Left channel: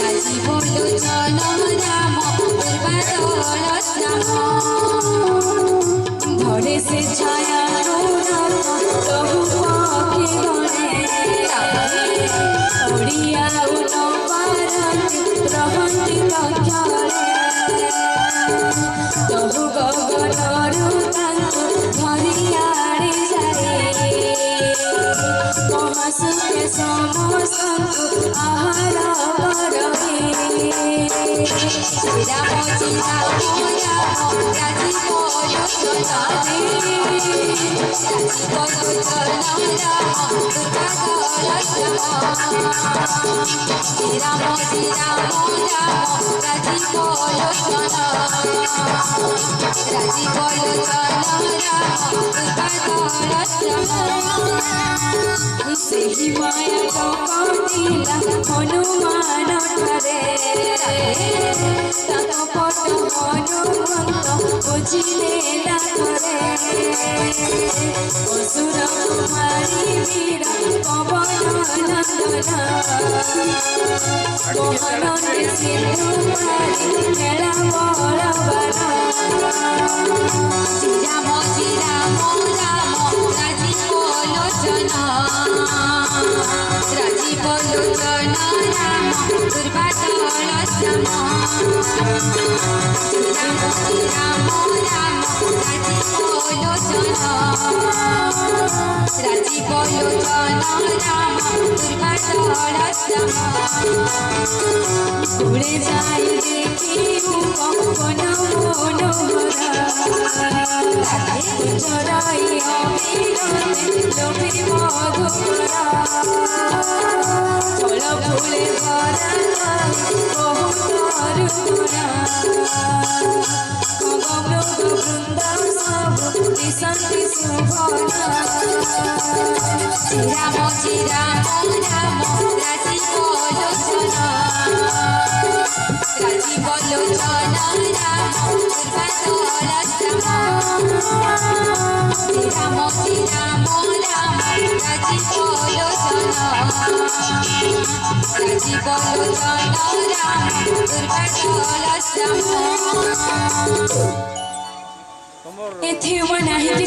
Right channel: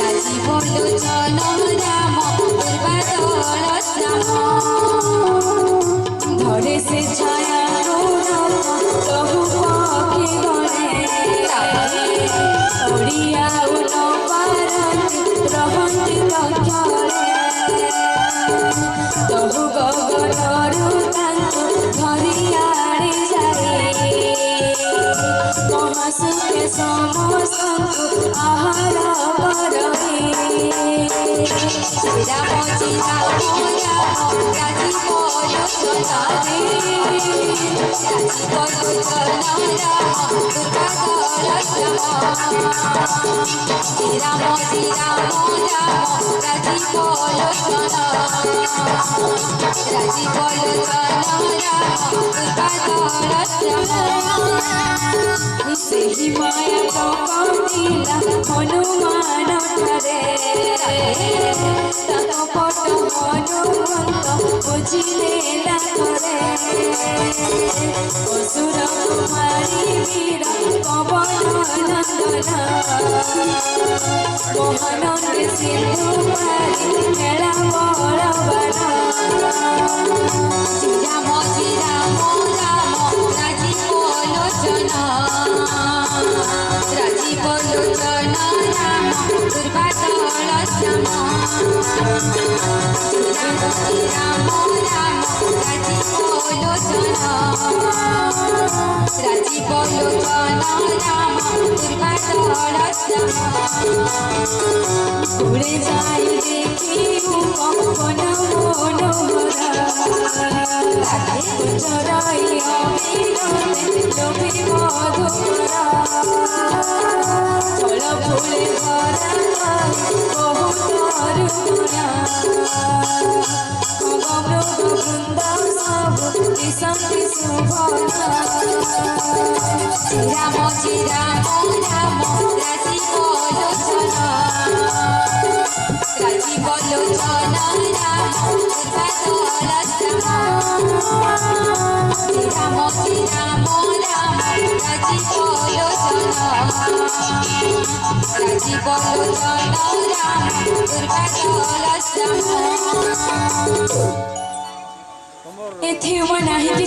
राजीव लोचन राम पूर्वादल श्याम धरे से छाया तहु पक्षी गणे ओडिया रहती लक्षणे तहु गगनरू धरी आड़ी जाए महासुखे समस्त आहार करहे राम सीता राजीव लोचन राम पूर्वादल श्याम राम राजीव लोचन पूर्वादल श्याम सेही माया चौकटिला हनुमान ठारे पट हनुमंत बुझिले नाथरे असुर कुमारी वीर पवन नंदन महानंदी सिंधु मारी मेला बलवन राम राम राजीव लोचन राजीव लोचन राम पूर्वादल श्याम राम राम राजीव लोचन राम पूर्वादल श्याम घुड़े जाई देखी पवन मनोहरा चराई अमीरते लोभी मधुरा फल फूले भरा बहुत रुना खगमृग वृंद सब दिशंति शुभना राम राम राजीव लोचन राम पूर्वादल श्याम राम राम राजीव लोचन राम पूर्वादल श्याम एथे वनाही